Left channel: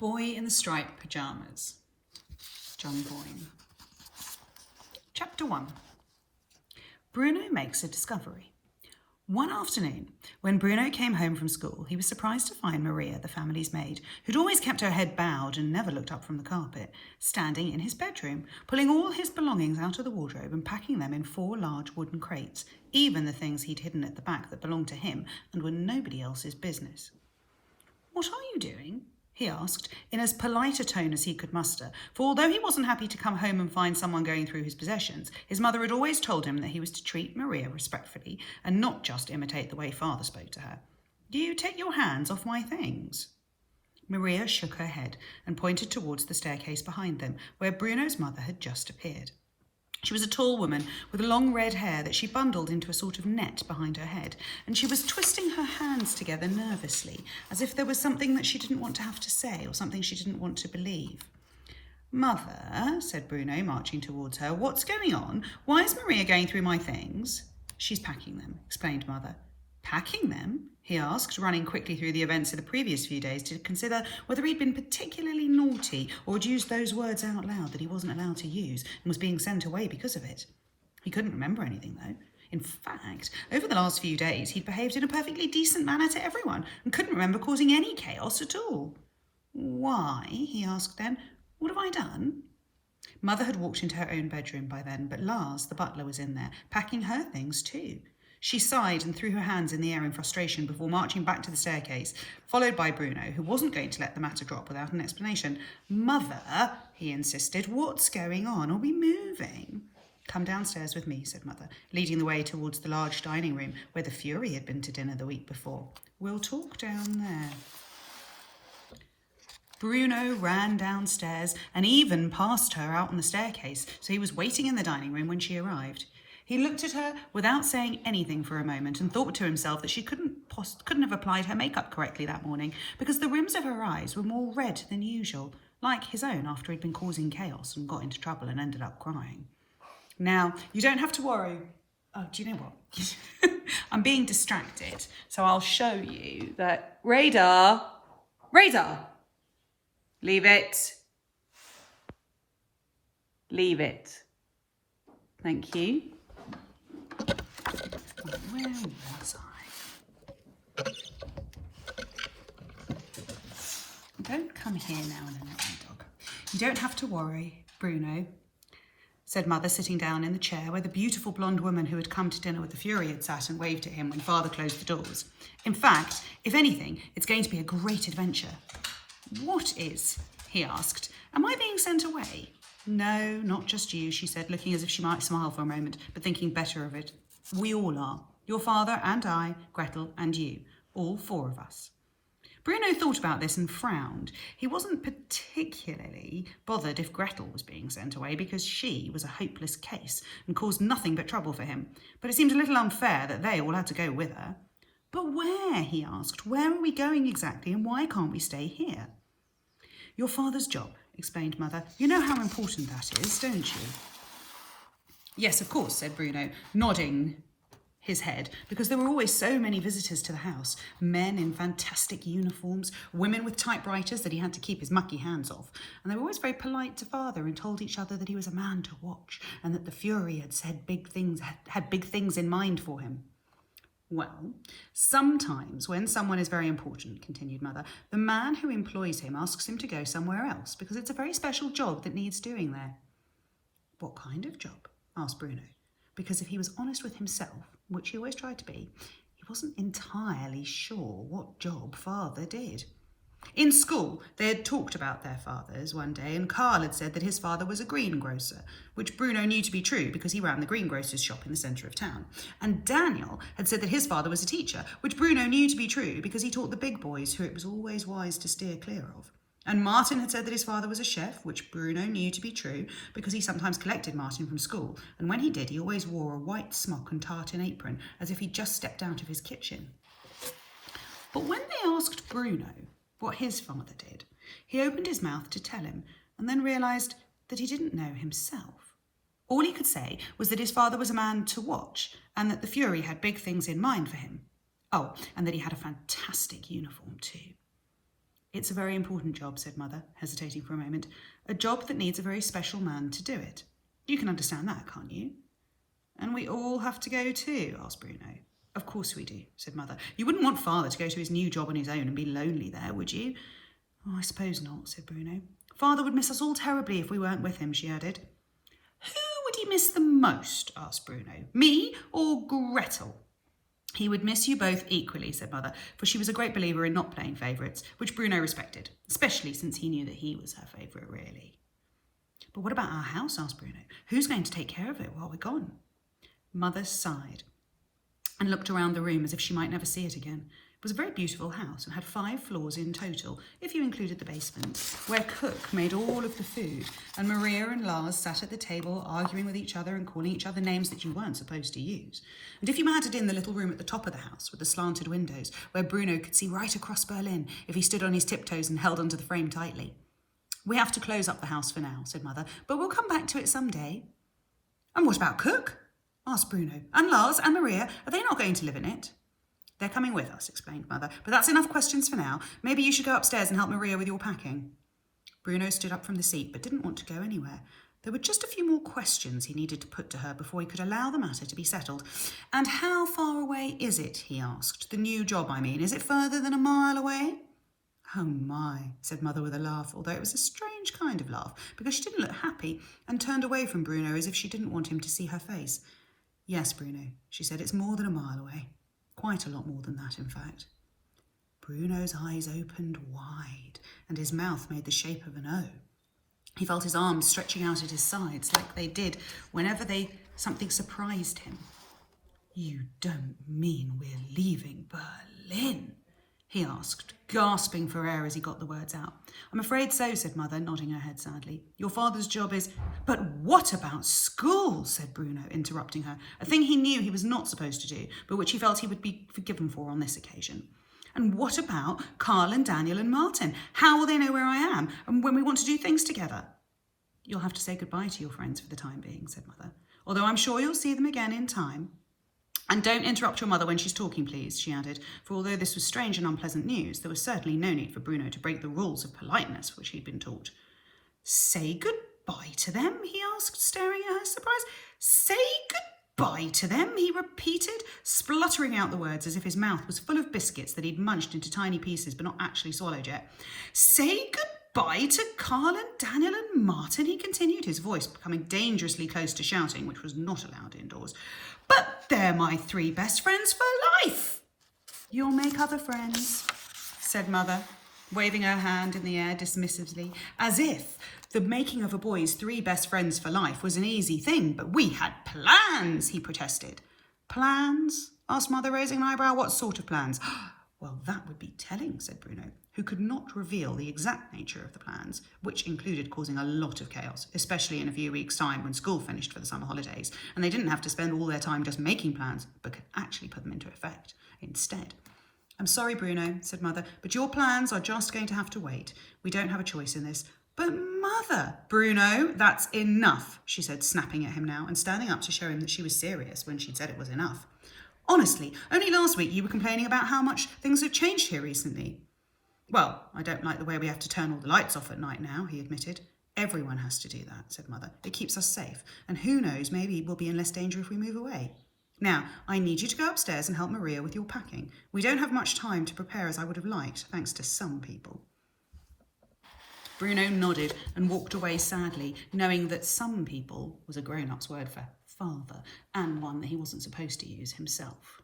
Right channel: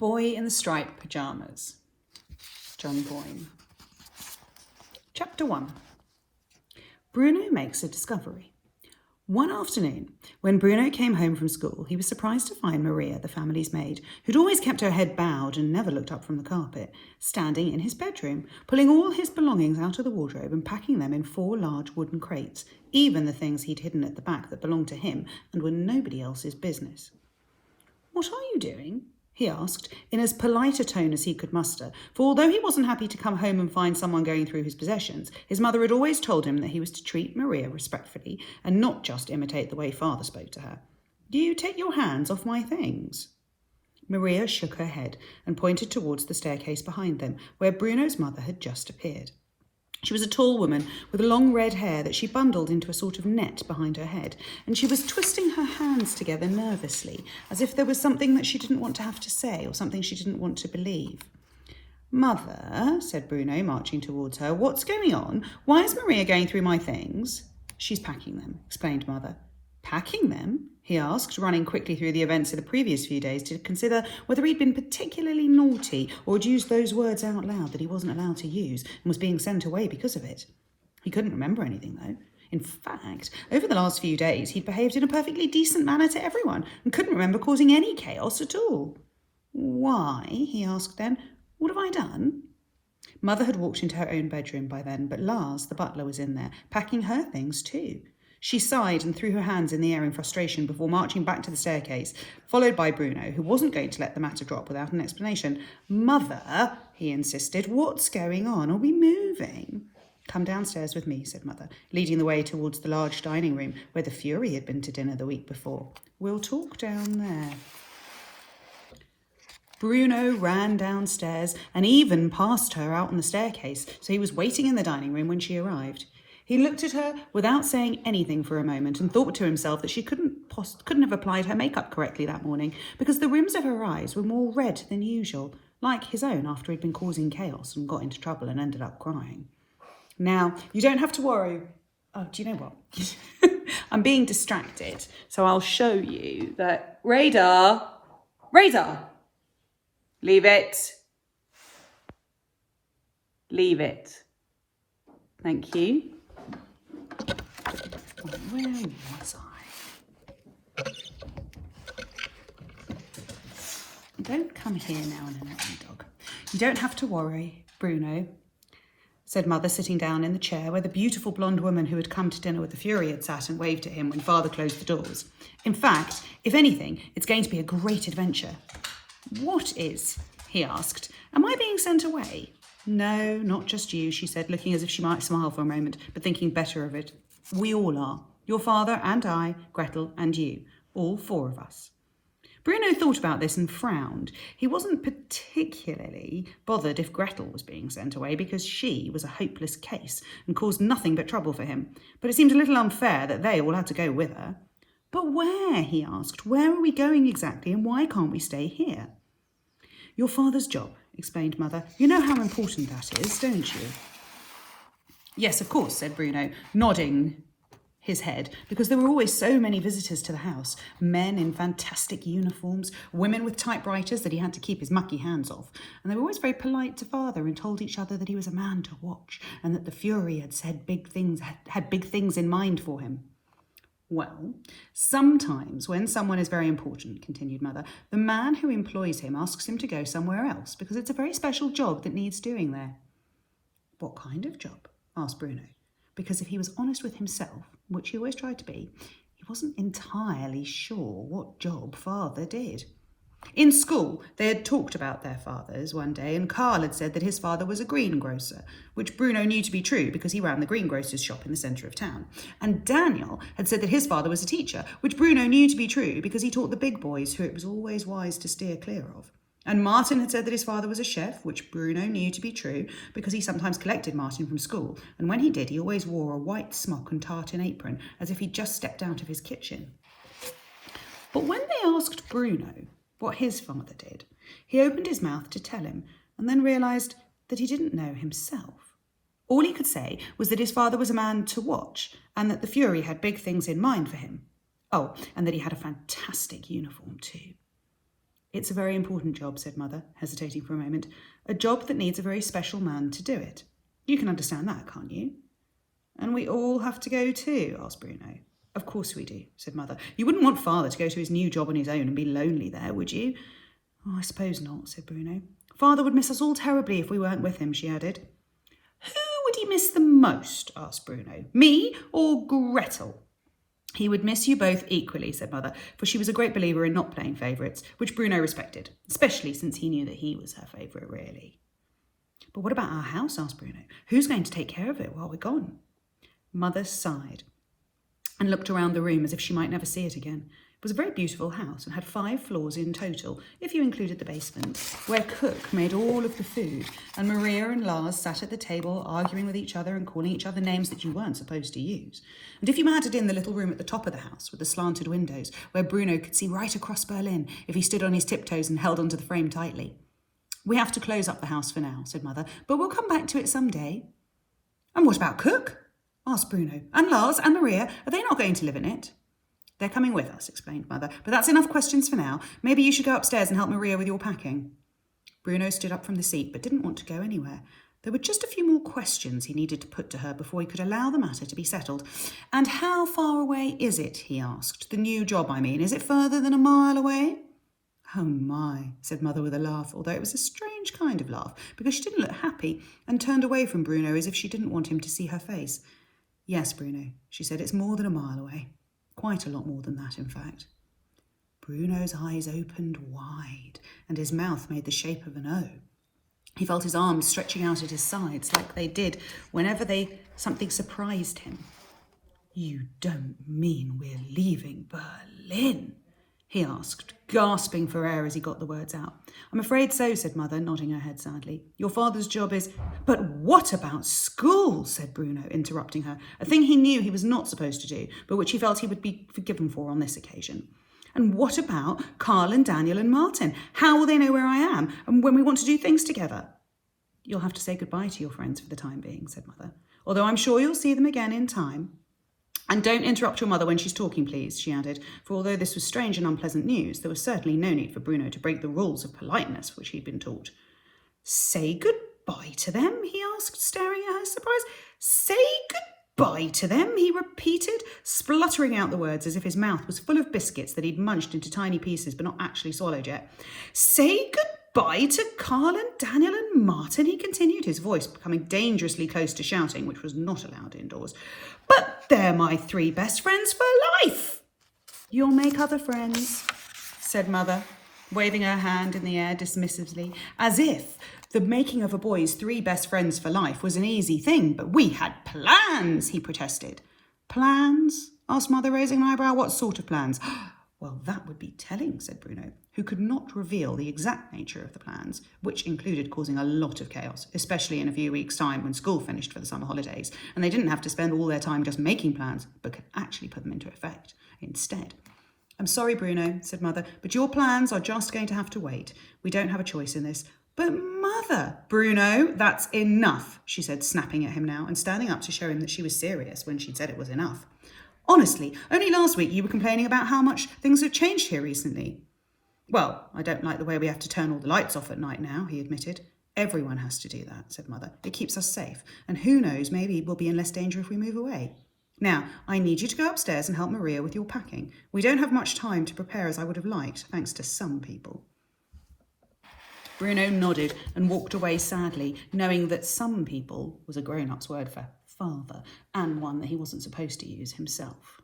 Boy in the Striped Pyjamas, John Boyne. Chapter 1. Bruno makes a discovery. One afternoon, when Bruno came home from school, he was surprised to find Maria, the family's maid, who'd always kept her head bowed and never looked up from the carpet, standing in his bedroom, pulling all his belongings out of the wardrobe and packing them in 4 large wooden crates, even the things he'd hidden at the back that belonged to him and were nobody else's business. "What are you doing?" he asked, in as polite a tone as he could muster, for although he wasn't happy to come home and find someone going through his possessions, his mother had always told him that he was to treat Maria respectfully and not just imitate the way father spoke to her. "Do you take your hands off my things?" Maria shook her head and pointed towards the staircase behind them, where Bruno's mother had just appeared. She was a tall woman with long red hair that she bundled into a sort of net behind her head, and she was twisting her hands together nervously, as if there was something that she didn't want to have to say or something she didn't want to believe. "Mother," said Bruno, marching towards her, "what's going on? Why is Maria going through my things?" "She's packing them," explained Mother. "Packing them?" he asked, running quickly through the events of the previous few days to consider whether he'd been particularly naughty or had used those words out loud that he wasn't allowed to use and was being sent away because of it. He couldn't remember anything, though. In fact, over the last few days, he'd behaved in a perfectly decent manner to everyone and couldn't remember causing any chaos at all. "Why?" he asked then. "What have I done?" Mother had walked into her own bedroom by then, but Lars, the butler, was in there, packing her things too. She sighed and threw her hands in the air in frustration before marching back to the staircase, followed by Bruno, who wasn't going to let the matter drop without an explanation. "Mother," he insisted, "what's going on? Are we moving?" "Come downstairs with me," said Mother, leading the way towards the large dining room where the Fury had been to dinner the week before. "We'll talk down there." Bruno ran downstairs and even passed her out on the staircase, so he was waiting in the dining room when she arrived. He looked at her without saying anything for a moment and thought to himself that she couldn't have applied her makeup correctly that morning because the rims of her eyes were more red than usual, like his own after he'd been causing chaos and got into trouble and ended up crying. "Now, you don't have to worry." Oh, do you know what? I'm being distracted, so I'll show you that. Radar! Leave it. Leave it. Thank you. Where was I? Don't come here now and then, dog. "You don't have to worry, Bruno," said Mother, sitting down in the chair where the beautiful blonde woman who had come to dinner with the Fury had sat and waved at him when Father closed the doors. "In fact, if anything, it's going to be a great adventure." "What is?" he asked. "Am I being sent away?" "No, not just you," she said, looking as if she might smile for a moment, but thinking better of it. "We all are. Your father and I, Gretel and you. All 4 of us." Bruno thought about this and frowned. He wasn't particularly bothered if Gretel was being sent away because she was a hopeless case and caused nothing but trouble for him. But it seemed a little unfair that they all had to go with her. "But where?" he asked. "Where are we going exactly and why can't we stay here?" "Your father's job," explained Mother. "You know how important that is, don't you?" "Yes, of course," said Bruno, nodding his head, because there were always so many visitors to the house, men in fantastic uniforms, women with typewriters that he had to keep his mucky hands off, and they were always very polite to Father and told each other that he was a man to watch and that the Fury had said had big things in mind for him. "Well, sometimes when someone is very important," continued Mother, "the man who employs him asks him to go somewhere else because it's a very special job that needs doing there." "What kind of job?" asked Bruno, because if he was honest with himself, which he always tried to be, he wasn't entirely sure what job Father did. In school, they had talked about their fathers one day, and Carl had said that his father was a greengrocer, which Bruno knew to be true because he ran the greengrocer's shop in the centre of town. And Daniel had said that his father was a teacher, which Bruno knew to be true because he taught the big boys who it was always wise to steer clear of. And Martin had said that his father was a chef, which Bruno knew to be true because he sometimes collected Martin from school, and when he did, he always wore a white smock and tartan apron, as if he'd just stepped out of his kitchen. But when they asked Bruno what his father did, he opened his mouth to tell him, and then realised that he didn't know himself. All he could say was that his father was a man to watch, and that the Fury had big things in mind for him. Oh, and that he had a fantastic uniform too. It's a very important job, said Mother, hesitating for a moment. A job that needs a very special man to do it. You can understand that, can't you? And we all have to go too, asked Bruno. Of course we do, said Mother. You wouldn't want Father to go to his new job on his own and be lonely there, would you? Oh, I suppose not, said Bruno. Father would miss us all terribly if we weren't with him, she added. Who would he miss the most, asked Bruno. Me or Gretel? He would miss you both equally, said Mother, for she was a great believer in not playing favourites, which Bruno respected, especially since he knew that he was her favourite, really. But what about our house, asked Bruno. Who's going to take care of it while we're gone? Mother sighed and looked around the room as if she might never see it again. It was a very beautiful house and had 5 floors in total, if you included the basement, where Cook made all of the food, and Maria and Lars sat at the table arguing with each other and calling each other names that you weren't supposed to use. And if you added in the little room at the top of the house with the slanted windows, where Bruno could see right across Berlin if he stood on his tiptoes and held onto the frame tightly. We have to close up the house for now, said Mother, but we'll come back to it someday. And what about Cook? Asked Bruno. And Lars and Maria, are they not going to live in it? They're coming with us, explained Mother, but that's enough questions for now. Maybe you should go upstairs and help Maria with your packing. Bruno stood up from the seat, but didn't want to go anywhere. There were just a few more questions he needed to put to her before he could allow the matter to be settled. And how far away is it, he asked. The new job, I mean. Is it further than a mile away? Oh my, said Mother with a laugh, although it was a strange kind of laugh, because she didn't look happy and turned away from Bruno as if she didn't want him to see her face. Yes, Bruno, she said, it's more than a mile away. Quite a lot more than that, in fact. Bruno's eyes opened wide, and his mouth made the shape of an O. He felt his arms stretching out at his sides, like they did whenever something surprised him. You don't mean we're leaving Berlin? He asked, gasping for air as he got the words out. I'm afraid so, said Mother, nodding her head sadly. Your father's job is... But what about school, said Bruno, interrupting her, a thing he knew he was not supposed to do, but which he felt he would be forgiven for on this occasion. And what about Carl and Daniel and Martin? How will they know where I am and when we want to do things together? You'll have to say goodbye to your friends for the time being, said Mother, although I'm sure you'll see them again in time. And don't interrupt your mother when she's talking, please, she added, for although this was strange and unpleasant news, there was certainly no need for Bruno to break the rules of politeness which he'd been taught. Say goodbye to them, he asked, staring at her surprise. Say goodbye to them, he repeated, spluttering out the words as if his mouth was full of biscuits that he'd munched into tiny pieces but not actually swallowed yet. Say goodbye to Carl and Daniel and Martin, he continued, his voice becoming dangerously close to shouting, which was not allowed indoors. But they're my 3 best friends for life. You'll make other friends, said Mother, waving her hand in the air dismissively, as if the making of a boy's 3 best friends for life was an easy thing. But we had plans, he protested. Plans? Asked Mother, raising an eyebrow. What sort of plans? Well, that would be telling, said Bruno, who could not reveal the exact nature of the plans, which included causing a lot of chaos, especially in a few weeks' time when school finished for the summer holidays, and they didn't have to spend all their time just making plans, but could actually put them into effect instead. I'm sorry, Bruno, said Mother, but your plans are just going to have to wait. We don't have a choice in this. But Mother, Bruno, that's enough, she said, snapping at him now and standing up to show him that she was serious when she'd said it was enough. Honestly, only last week you were complaining about how much things have changed here recently. Well, I don't like the way we have to turn all the lights off at night now, he admitted. Everyone has to do that, said Mother. It keeps us safe. And who knows, maybe we'll be in less danger if we move away. Now, I need you to go upstairs and help Maria with your packing. We don't have much time to prepare as I would have liked, thanks to some people. Bruno nodded and walked away sadly, knowing that some people was a grown-up's word for father, and one that he wasn't supposed to use himself.